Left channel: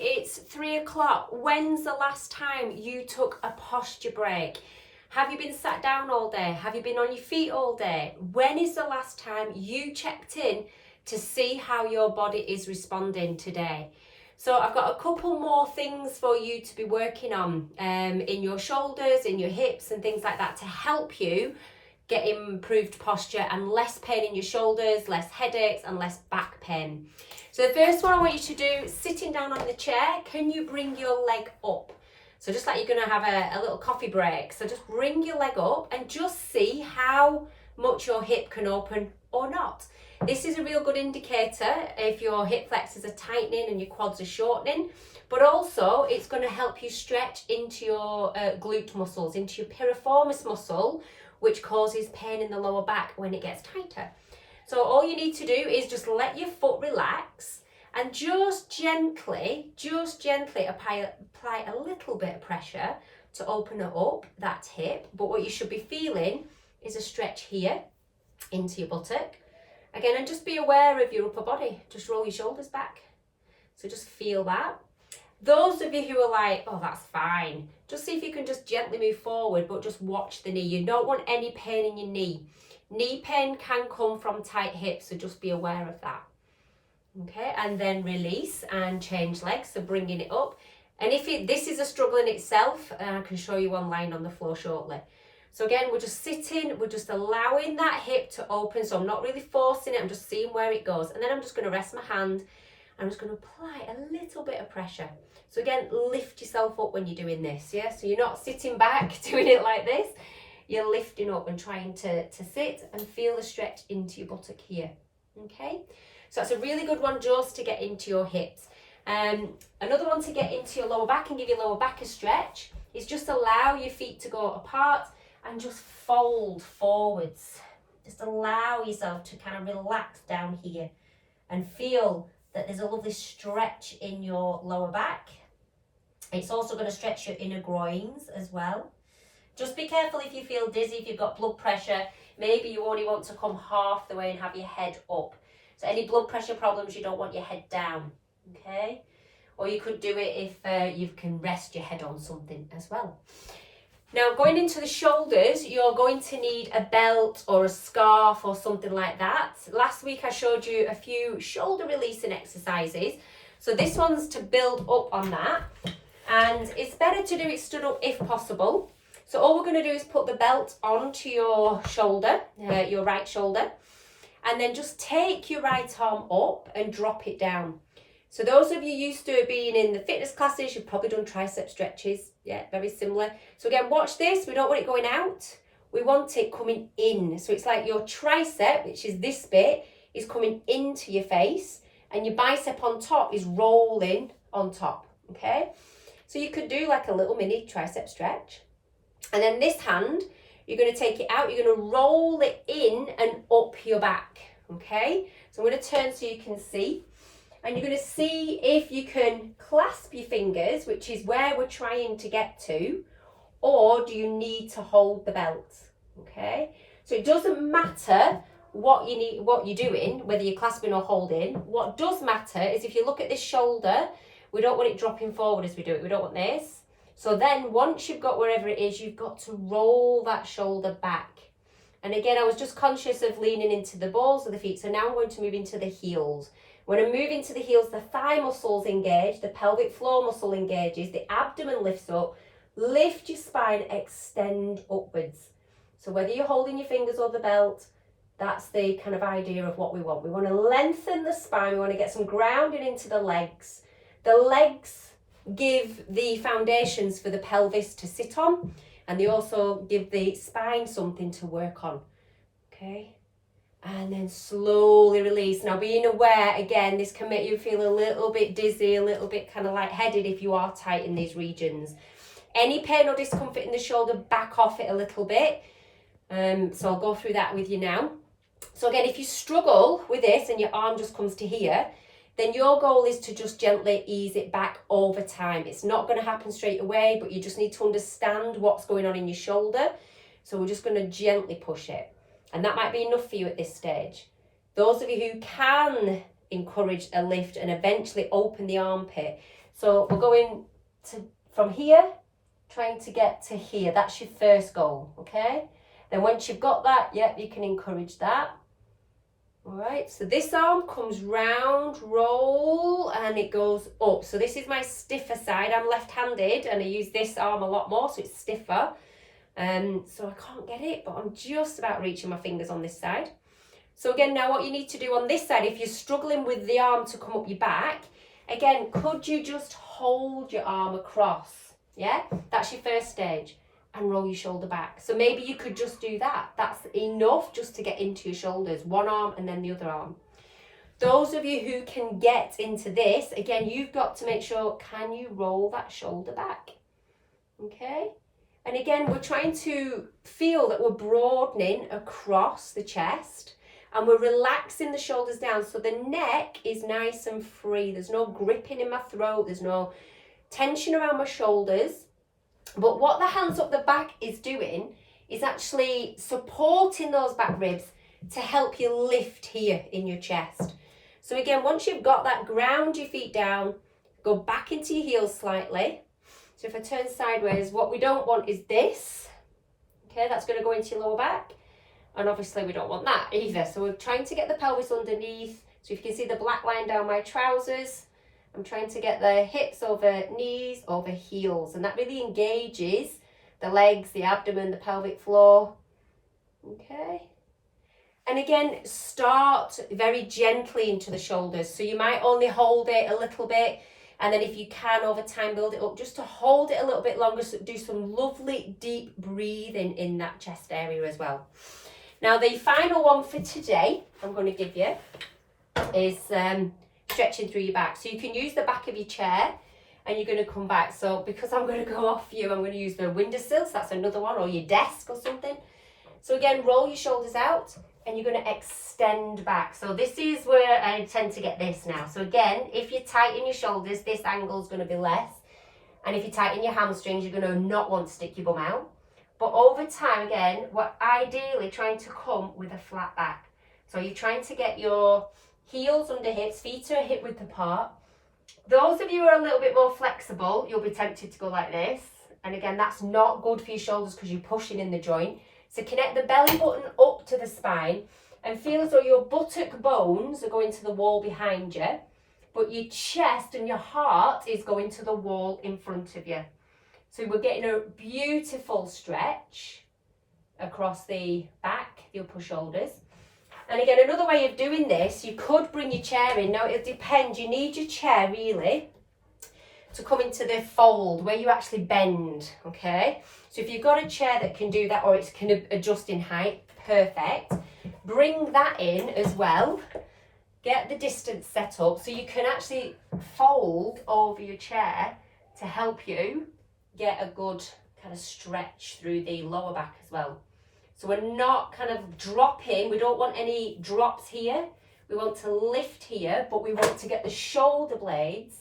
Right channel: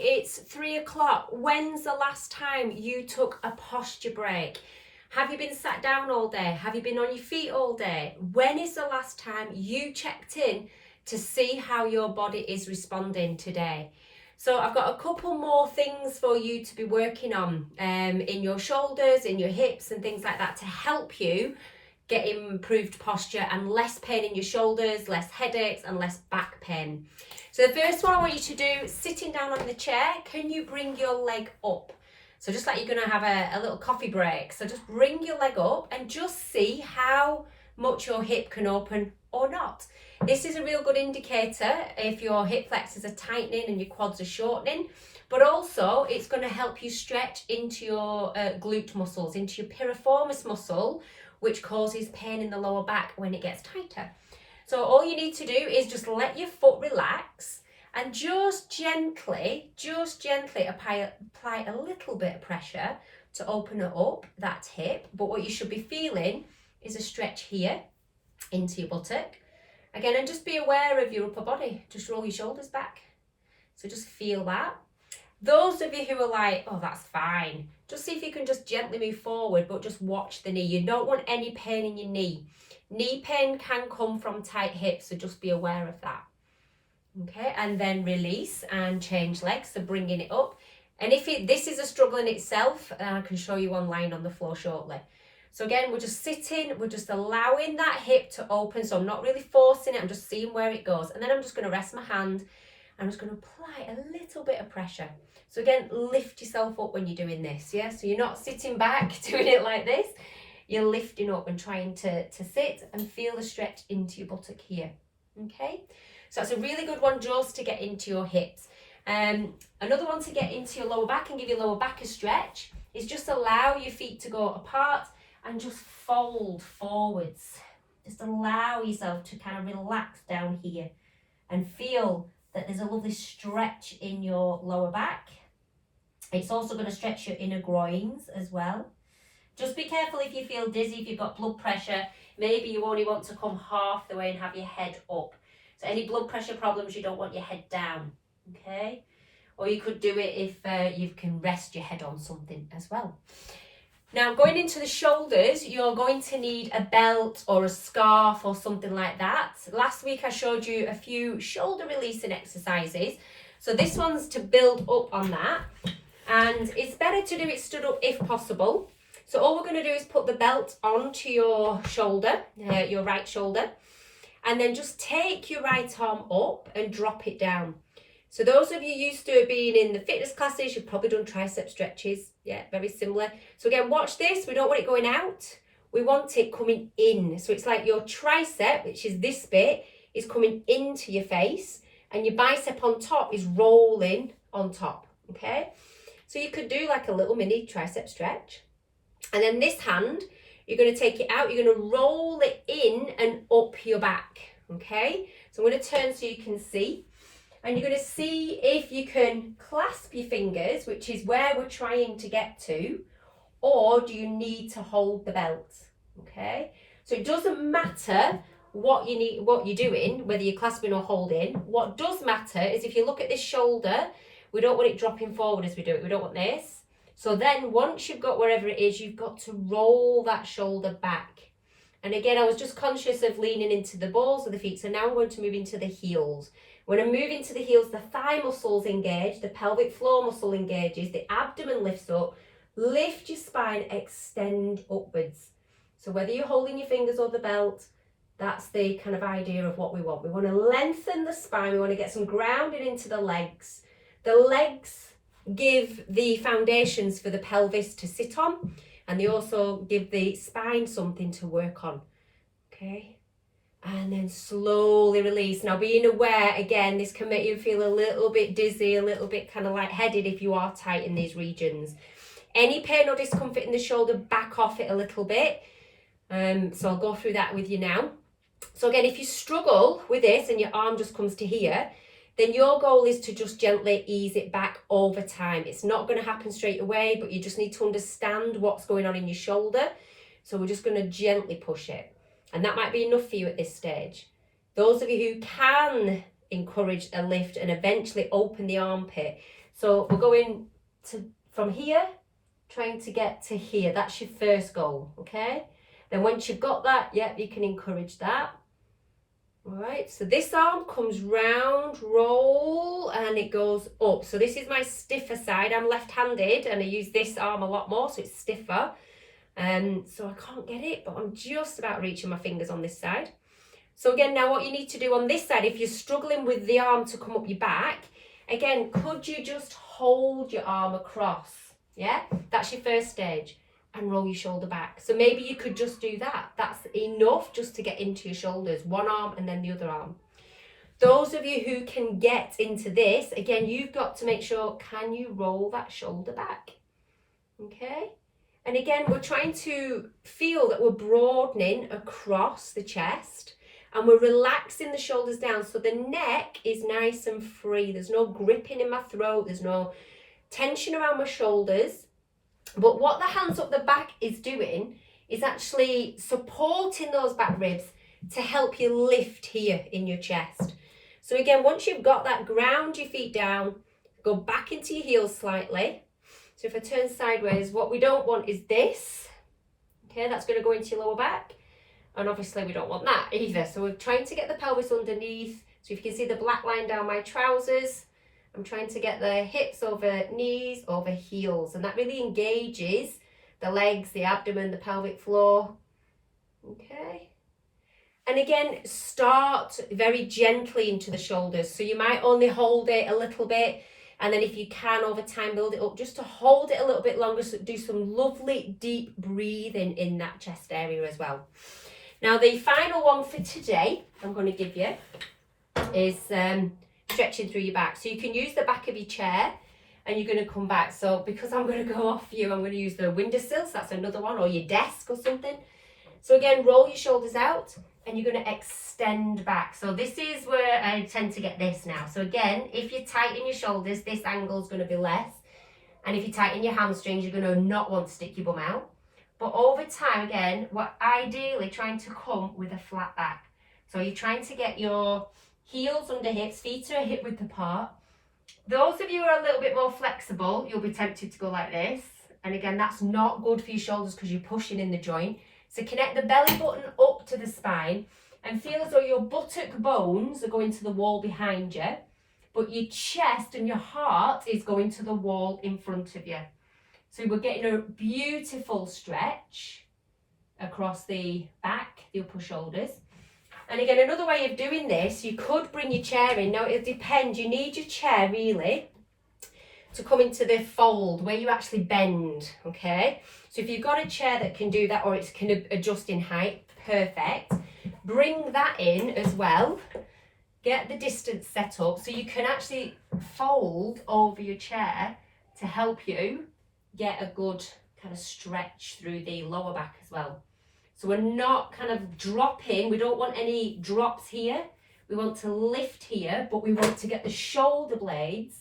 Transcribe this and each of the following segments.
it's 3 o'clock. When's the last time you took a posture break? Have you been sat down all day? Have you been on your feet all day? When is the last time you checked in to see how your body is responding today? So I've got a couple more things for you to be working on in your shoulders, in your hips and things like that to help you get improved posture and less pain in your shoulders, less headaches and less back pain. So the first one I want you to do, sitting down on the chair, can you bring your leg up? So just like you're going to have a little coffee break. So just bring your leg up and just see how much your hip can open or not. This is a real good indicator if your hip flexors are tightening and your quads are shortening, but also it's going to help you stretch into your glute muscles, into your piriformis muscle, which causes pain in the lower back when it gets tighter. So all you need to do is just let your foot relax and just gently apply a little bit of pressure to open it up, that hip. But what you should be feeling is a stretch here into your buttock. Again, and just be aware of your upper body. Just roll your shoulders back. So just feel that. Those of you who are like, oh, that's fine, just see if you can just gently move forward, but just watch the knee. You don't want any pain in your knee. Knee pain can come from tight hips, so just be aware of that. Okay, and then release and change legs, so bringing it up. And if this is a struggle in itself, I can show you one lying on the floor shortly. So again, we're just sitting, we're just allowing that hip to open, so I'm not really forcing it, I'm just seeing where it goes. And then I'm just going to rest my hand, I'm just going to apply a little bit of pressure. So again, lift yourself up when you're doing this, yeah? So you're not sitting back doing it like this, you're lifting up and trying to sit and feel the stretch into your buttock here, okay? So that's a really good one just to get into your hips. Another one to get into your lower back and give your lower back a stretch is just allow your feet to go apart and just fold forwards. Just allow yourself to kind of relax down here and feel that there's a lovely stretch in your lower back. It's also going to stretch your inner groins as well. Just be careful if you feel dizzy, if you've got blood pressure. Maybe you only want to come half the way and have your head up. So any blood pressure problems, you don't want your head down, okay? Or you could do it if you can rest your head on something as well. Now, going into the shoulders, you're going to need a belt or a scarf or something like that. Last week I showed you a few shoulder releasing exercises. So this one's to build up on that. And it's better to do it stood up if possible. So all we're going to do is put the belt onto your shoulder, your right shoulder, and then just take your right arm up and drop it down. So those of you used to being in the fitness classes, you've probably done tricep stretches. Yeah, very similar. So again, watch this. We don't want it going out. We want it coming in. So it's like your tricep, which is this bit, is coming into your face, and your bicep on top is rolling on top, okay? So you could do like a little mini tricep stretch. And then this hand, you're going to take it out, you're going to roll it in and up your back, okay? So I'm going to turn so you can see. And you're going to see if you can clasp your fingers, which is where we're trying to get to, or do you need to hold the belt, okay? So it doesn't matter what you're doing, whether you're clasping or holding. What does matter is if you look at this shoulder, we don't want it dropping forward as we do it. We don't want this. So then once you've got wherever it is, you've got to roll that shoulder back. And again, I was just conscious of leaning into the balls of the feet. So now I'm going to move into the heels. When I move into the heels, the thigh muscles engage, the pelvic floor muscle engages, the abdomen lifts up, lift your spine, extend upwards. So whether you're holding your fingers or the belt, that's the kind of idea of what we want. We want to lengthen the spine, we want to get some grounding into the legs. The legs give the foundations for the pelvis to sit on, and they also give the spine something to work on, okay? And then slowly release. Now being aware, again, this can make you feel a little bit dizzy, a little bit kind of lightheaded if you are tight in these regions. Any pain or discomfort in the shoulder, back off it a little bit. So I'll go through that with you now. So again, if you struggle with this and your arm just comes to here, then your goal is to just gently ease it back over time. It's not going to happen straight away, but you just need to understand what's going on in your shoulder. So we're just going to gently push it. And that might be enough for you at this stage. Those of you who can encourage a lift and eventually open the armpit, So we're going from here, trying to get to here. That's your first goal, okay? Then once you've got that, yep, you can encourage that. All right, so this arm comes round, roll, and it goes up. So this is my stiffer side. I'm left-handed, and I use this arm a lot more, so it's stiffer. So I can't get it, but I'm just about reaching my fingers on this side. So again, now what you need to do on this side, if you're struggling with the arm to come up your back, again, could you just hold your arm across? Yeah, that's your first stage. And roll your shoulder back. So maybe you could just do that. That's enough just to get into your shoulders. One arm and then the other arm. Those of you who can get into this, again, you've got to make sure, can you roll that shoulder back? Okay. And again, we're trying to feel that we're broadening across the chest and we're relaxing the shoulders down so the neck is nice and free. There's no gripping in my throat. There's no tension around my shoulders. But what the hands up the back is doing is actually supporting those back ribs to help you lift here in your chest. So again, once you've got that, ground your feet down, go back into your heels slightly. So if I turn sideways, what we don't want is this. Okay, that's going to go into your lower back. And obviously we don't want that either. So we're trying to get the pelvis underneath. So if you can see the black line down my trousers, I'm trying to get the hips over knees, over heels, and that really engages the legs, the abdomen, the pelvic floor. Okay. And again, start very gently into the shoulders. So you might only hold it a little bit, and then if you can, over time, build it up just to hold it a little bit longer. So do some lovely deep breathing in that chest area as well. Now, the final one for today I'm going to give you is stretching through your back. So you can use the back of your chair and you're going to come back. So because I'm going to go off you, I'm going to use the windowsill. So that's another one, or your desk or something. So again, roll your shoulders out and you're going to extend back. So this is where I tend to get this now. So again, if you tighten your shoulders, this angle is going to be less. And if you tighten your hamstrings, you're going to not want to stick your bum out. But over time, again, we're ideally trying to come with a flat back. So you're trying to get your heels under hips, feet are hip width apart. Those of you who are a little bit more flexible, you'll be tempted to go like this. And again, that's not good for your shoulders because you're pushing in the joint. So connect the belly button up to the spine and feel as though your buttock bones are going to the wall behind you, but your chest and your heart is going to the wall in front of you. So we're getting a beautiful stretch across the back, the upper shoulders. And again, another way of doing this, you could bring your chair in. Now, it depends. You need your chair, really, to come into the fold where you actually bend, okay? So if you've got a chair that can do that, or it can adjust in height, perfect. Bring that in as well. Get the distance set up so you can actually fold over your chair to help you get a good kind of stretch through the lower back as well. So we're not kind of dropping, we don't want any drops here. We want to lift here, but we want to get the shoulder blades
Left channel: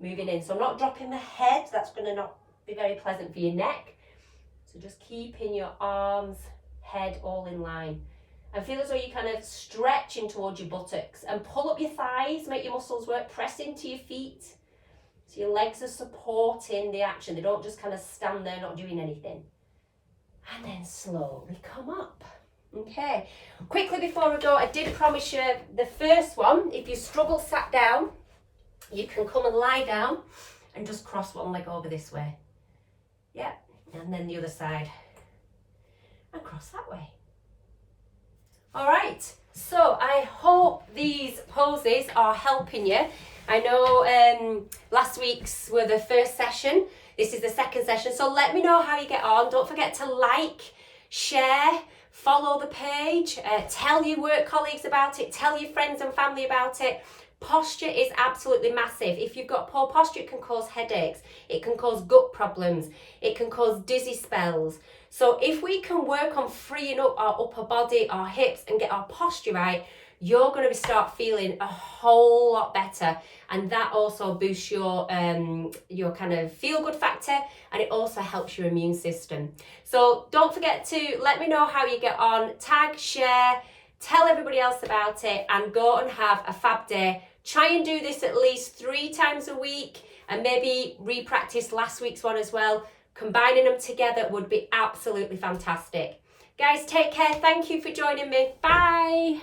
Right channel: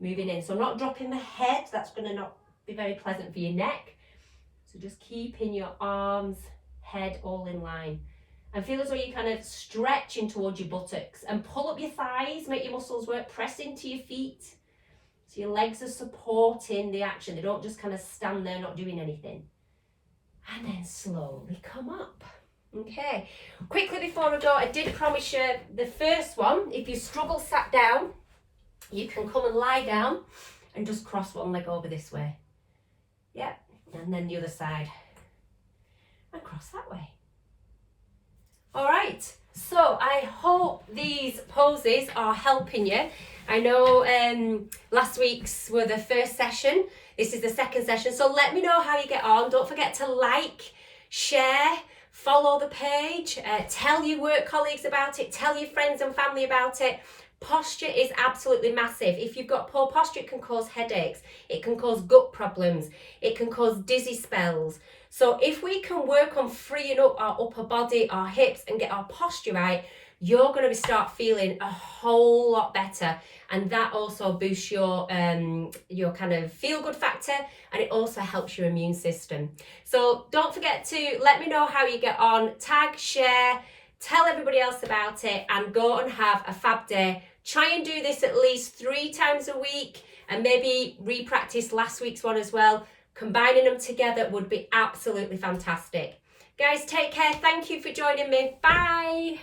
moving in. So I'm not dropping the head, that's going to not be very pleasant for your neck. So just keeping your arms, head all in line. And feel as though you're kind of stretching towards your buttocks. And pull up your thighs, make your muscles work, press into your feet. So your legs are supporting the action. They don't just kind of stand there not doing anything. And then slowly come up. Okay, quickly before I go, I did promise you the first one. If you struggle sat down, you can come and lie down and just cross one leg over this way. Yeah, and then the other side. And cross that way. All right, so I hope these poses are helping you. I know last week's were the first session. This is the second session. So let me know how you get on. Don't forget to like, share, follow the page, tell your work colleagues about it, tell your friends and family about it. Posture is absolutely massive. If you've got poor posture, it can cause headaches. It can cause gut problems. It can cause dizzy spells. So if we can work on freeing up our upper body, our hips, and get our posture right, you're going to start feeling a whole lot better. And that also boosts your kind of feel-good factor, and it also helps your immune system. So don't forget to let me know how you get on. Tag, share, tell everybody else about it, and go and have a fab day. Try and do this at least 3 times a week. and maybe re-practice last week's one as well. Combining them together would be absolutely fantastic. Guys, take care. Thank you for joining me. Bye.